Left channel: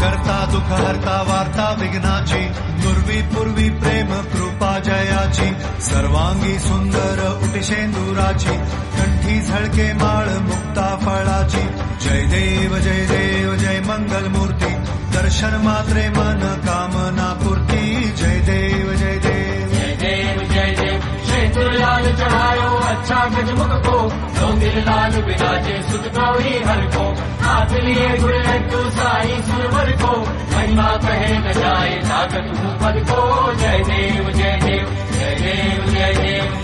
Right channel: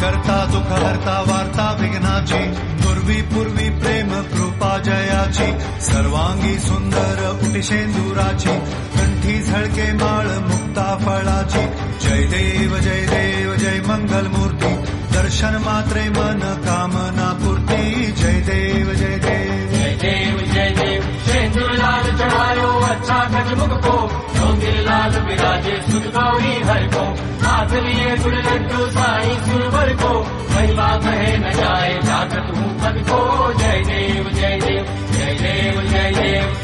करता दुःख हरता वार्ता विघ्नाची, नुर्वी पूर्वी प्रेम कृपा जयाची, सर्वांगी सुंदर उटिशेंदुराची, कंठी झळके माळ मुक्ता फळाची, जय देव जय मंगल मूर्ती, दर्शन मात्रे मन कामना पूर्ती, जय देव जय देव शेंदूरलाल चढ़ायो अच्छा गजमुख को, चौंदिरलाल विराजे सुख गौरी हर को, हाथ लिए गुड़ लड्डू साई सुरवर को, महिमा कहे न जाए जागत हूँ पद को, जय देव जय देव जय देव जय देव।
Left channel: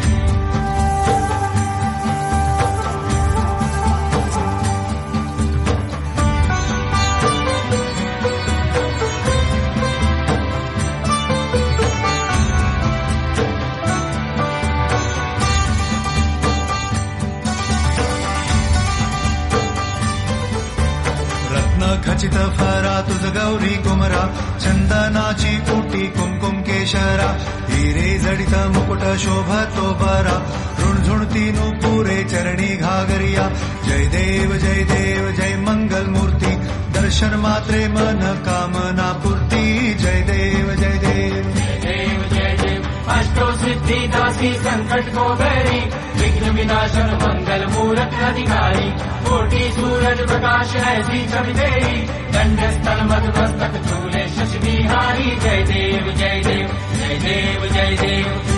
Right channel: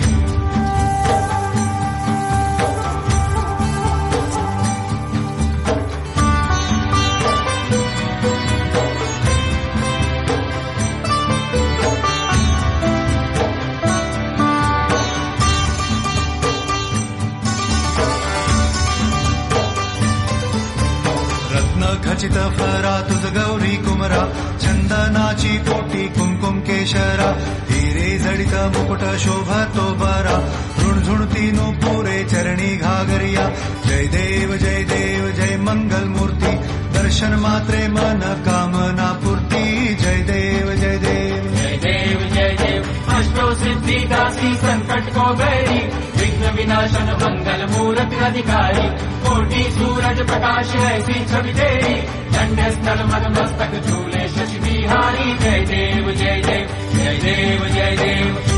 रत्न खचित फरा तुझ गौरी कुमरा, चंदनाची ओटी कुमकुम केशरा, हिरे जडित मुकुट शोभतो बरा, ऋणझुणती पुरे चरणी घागरिया, जय देव जय मंगल मूर्ती, दर्शन मात्रे मन कामना पूर्ती, जय देव जय देव जय देव जय देव। अष्टो सिद्धि दासी संकट को बैरी, विघ्न विनाशन मंगल मूलक अधिकारी, कोटि सूरज प्रकाश ऐसी छवि तेरी, दंड स्थल मधु मस्तक झूले शशि बिहारी, जय देव जय देव जय देव जय देव।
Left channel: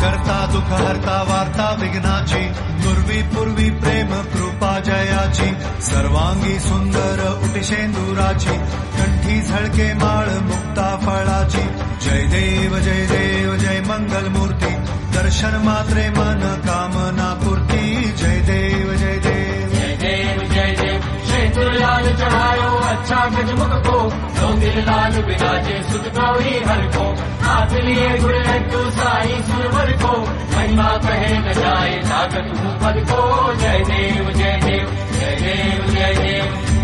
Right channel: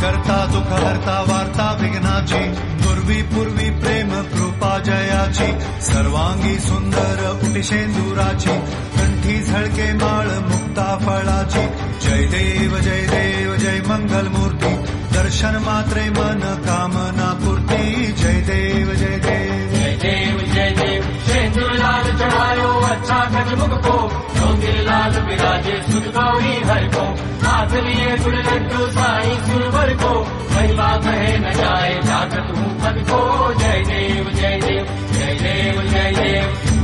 करता दुःख हरता वार्ता विघ्नाची, नुर्वी पूर्वी प्रेम कृपा जयाची, सर्वांगी सुंदर उटिशेंदुराची, कंठी झळके माळ मुक्ता फळाची, जय देव जय मंगल मूर्ती, दर्शन मात्रे मन कामना पूर्ती, जय देव जय देव जय देव जय देव। शेंदूरलाल चढ़ायो अच्छा गजमुख को, चौंदिरलाल विराजे सुख गौरी हर को, हाथ लिए गुड़ लड्डू साई सुरवर को, महिमा कहे न जाए जागत हूँ पद को, जय देव जय देव जय देव जय देव।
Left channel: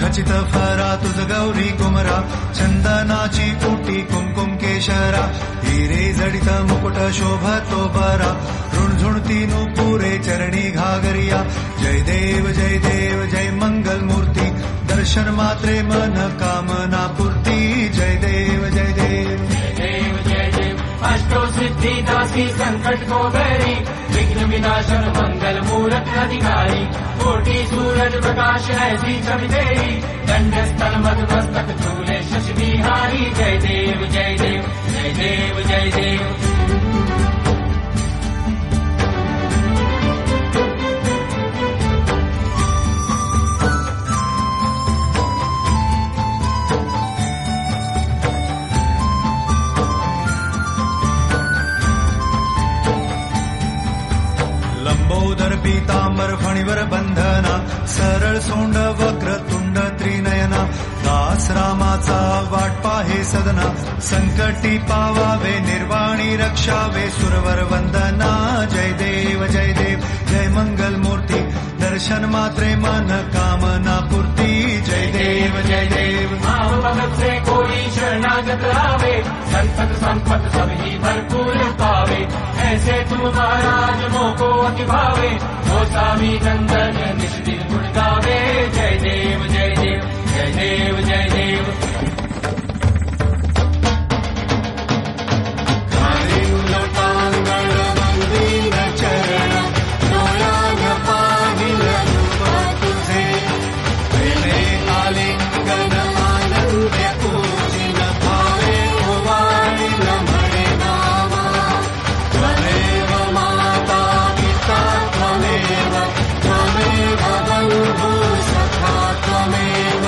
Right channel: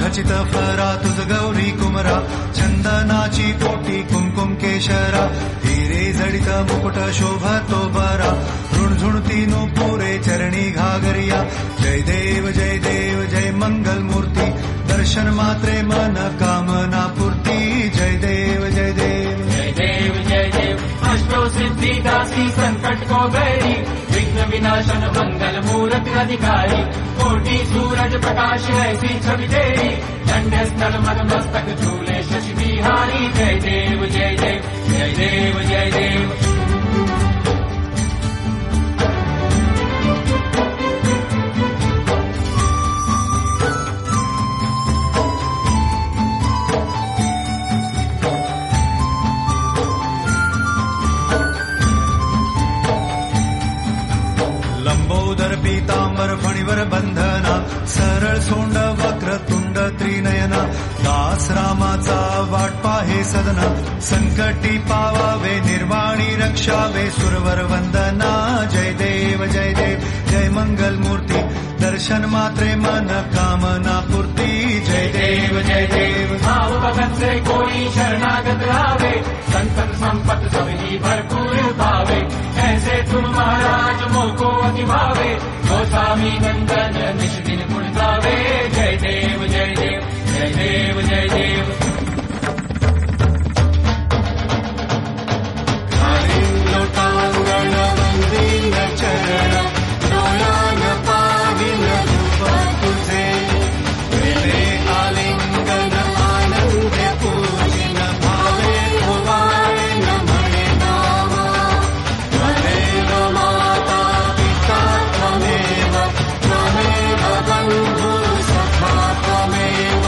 खचित फरा तुझ गौरी कुमरा चंदनाची ओटी कुमकुम केशरा हिरे जडित मुकुट शोभतो बरा ऋणझुणती नुपुरे चरणी घागरिया जय देव जय मंगल मूर्ती दर्शन मात्रे मन कामना पूर्ती जय देव जय देव जय देव जय देव अष्टो सिद्धि दासी संकट को बैरी विघ्न विनाशन मंगल मूलक अधिकारी कोटि सूरज प्रकाश ऐसी छवि तेरी दंड स्थल मस्तक झूले शशि बिहारी जय देव जय देव जय देव जय देव लंबोदर पीतांबर फणीवर बंधना सरळ सोंड वक्र तुंड त्रिनयना दास रामाचा वाट पाहे सदना संकटी पावावे निर्वाणी रक्षावे सुरवर वंदना जय देव जय मंगल मूर्ती दर्शन मात्रे मन कामना पूर्ती जय देव भगत से कोई शरणागत आवे संतत संपत सभी भरपूर पावे ऐसे तुम महाराज मोको निभावे गोसावी नंदन निश्चित गुण गावे जय देव जय देव जय देव जय देव खालीं लोटांगण वंदीन चरण डोळ्यान पाहिन रूप तुझे प्रेमे आलिंगन आनंदे पूजिन भावे ओवाळीन म्हणे नामा त्वमेव माता पिता त्वमेव बंधु सखा त्वमेव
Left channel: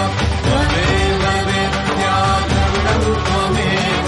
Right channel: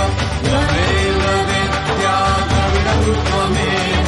विद्या द्रविणं त्वमेव